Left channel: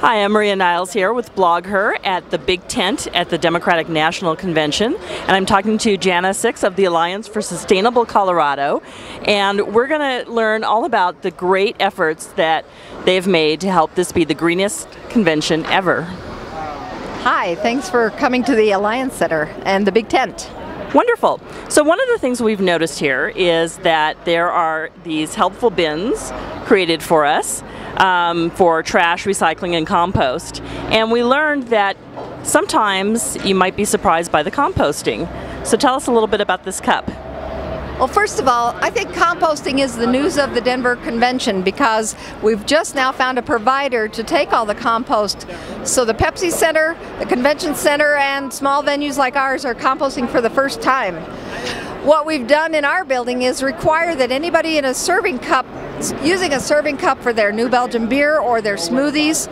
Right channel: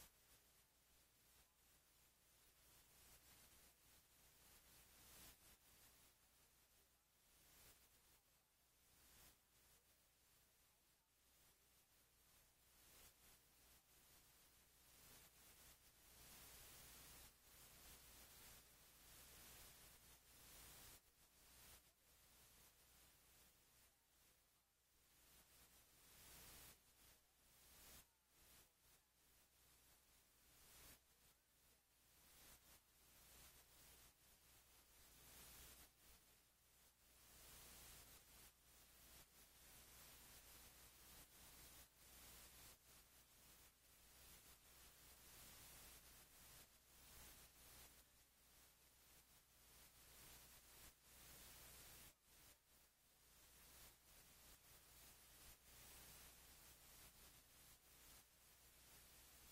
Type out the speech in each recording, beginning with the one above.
Hi, I'm Maria Niles here with BlogHer at the big tent at the Democratic National Convention, and I'm talking to Janna Six of the Alliance for Sustainable Colorado, and we're going to learn all about the great efforts that they've made to help this be the greenest convention ever. Hi, thanks for coming to the Alliance Center and the big tent. Wonderful. So one of the things we've noticed here is that there are these helpful bins created for us for trash, recycling, and compost. And we learned that sometimes you might be surprised by the composting. So tell us a little bit about this cup. Well, first of all, I think composting is the news of the Denver Convention because we've just now found a provider to take all the compost. So the Pepsi Center, the Convention Center, and small venues like ours are composting for the first time. What we've done in our building is require that anybody in a serving cup, using a serving cup for their New Belgium beer or their smoothies,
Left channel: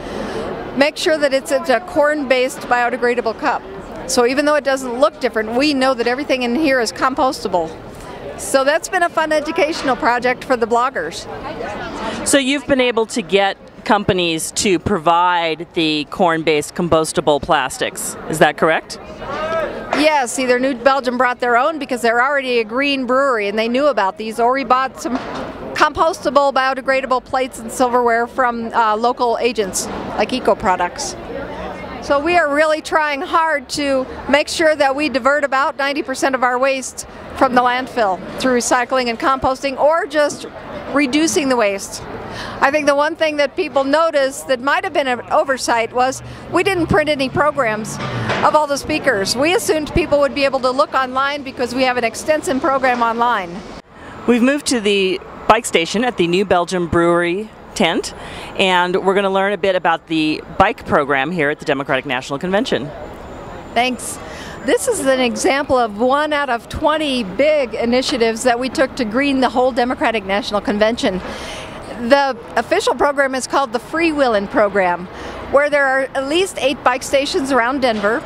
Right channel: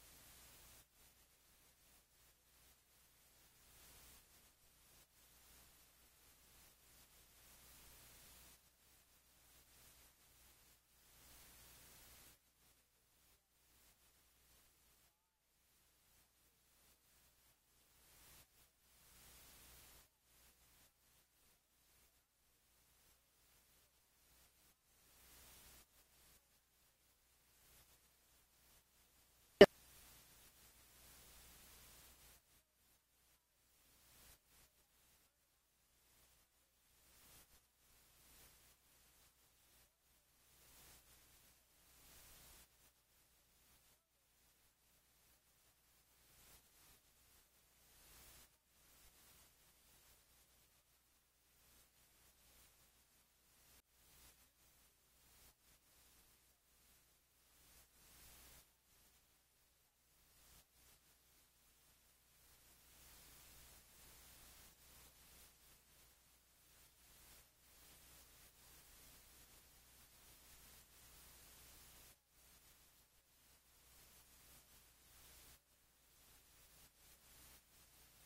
make sure that it's a corn-based biodegradable cup. So even though it doesn't look different, we know that everything in here is compostable. So that's been a fun educational project for the bloggers. So you've been able to get companies to provide the corn-based compostable plastics, is that correct? Yes, either New Belgium brought their own because they're already a green brewery and they knew about these, or we bought some compostable biodegradable plates and silverware from local agents like Eco Products. So we are really trying hard to make sure that we divert about 90% of our waste from the landfill through recycling and composting, or just reducing the waste. I think the one thing that people noticed that might have been an oversight was we didn't print any programs of all the speakers. We assumed people would be able to look online because we have an extensive program online. We've moved to the bike station at the New Belgium Brewery tent, and we're going to learn a bit about the bike program here at the Democratic National Convention. Thanks. This is an example of one out of 20 big initiatives that we took to green the whole Democratic National Convention. The official program is called the Freewheelin' Program, where there are at least 8 bike stations around Denver,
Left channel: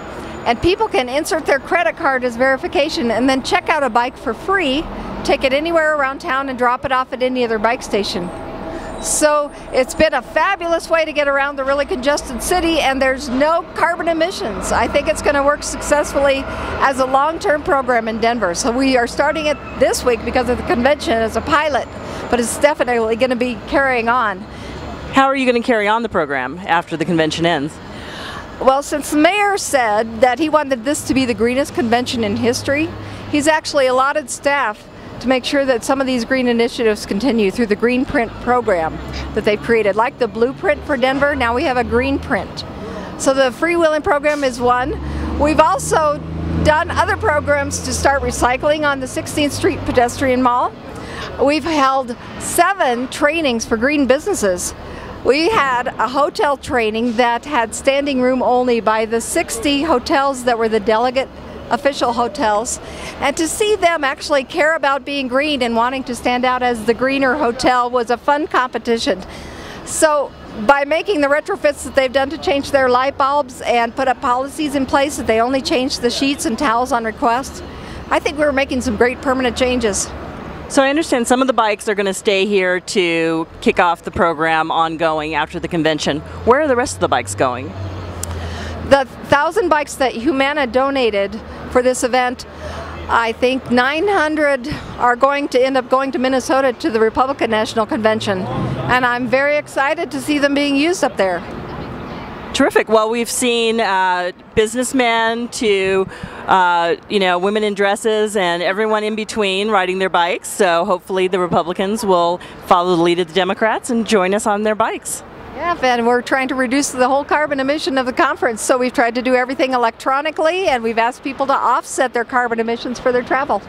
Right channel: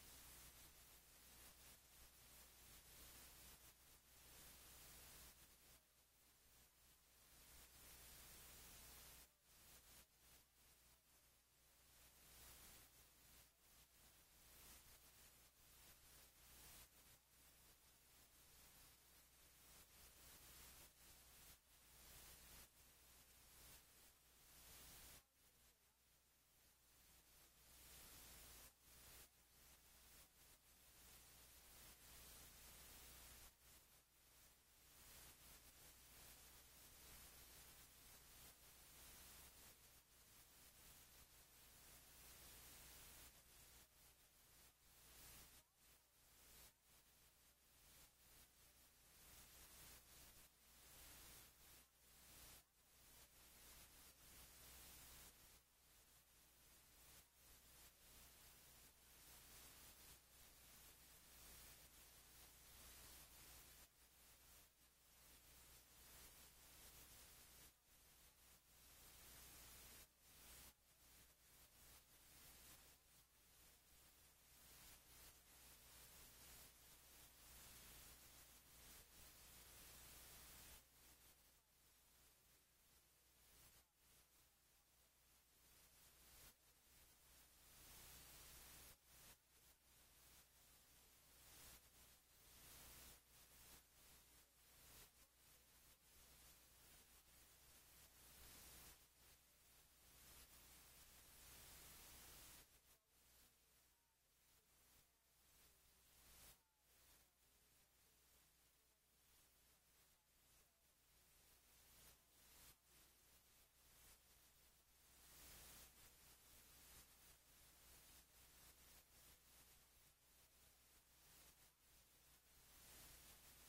and people can insert their credit card as verification and then check out a bike for free, take it anywhere around town and drop it off at any other bike station. So it's been a fabulous way to get around the really congested city, and there's no carbon emissions. I think it's going to work successfully as a long-term program in Denver. So we are starting it this week because of the convention as a pilot, but it's definitely going to be carrying on. How are you going to carry on the program after the convention ends? Well, since the mayor said that he wanted this to be the greenest convention in history, he's actually allotted staff to make sure that some of these green initiatives continue through the Green Print program that they've created. Like the blueprint for Denver, now we have a green print. So the Freewheelin' program is one. We've also done other programs to start recycling on the 16th Street Pedestrian Mall. We've held 7 trainings for green businesses. We had a hotel training that had standing room only by the 60 hotels that were the delegate official hotels, and to see them actually care about being green and wanting to stand out as the greener hotel was a fun competition. So by making the retrofits that they've done to change their light bulbs and put up policies in place that they only change the sheets and towels on request, I think we're making some great permanent changes. So I understand some of the bikes are going to stay here to kick off the program ongoing after the convention. Where are the rest of the bikes going? The 1,000 bikes that Humana donated for this event, I think 900 are going to end up going to Minnesota to the Republican National Convention, and I'm very excited to see them being used up there. Terrific. Well, we've seen businessmen to women in dresses and everyone in between riding their bikes, so hopefully the Republicans will follow the lead of the Democrats and join us on their bikes. Yeah, and we're trying to reduce the whole carbon emission of the conference, so we've tried to do everything electronically, and we've asked people to offset their carbon emissions for their travel.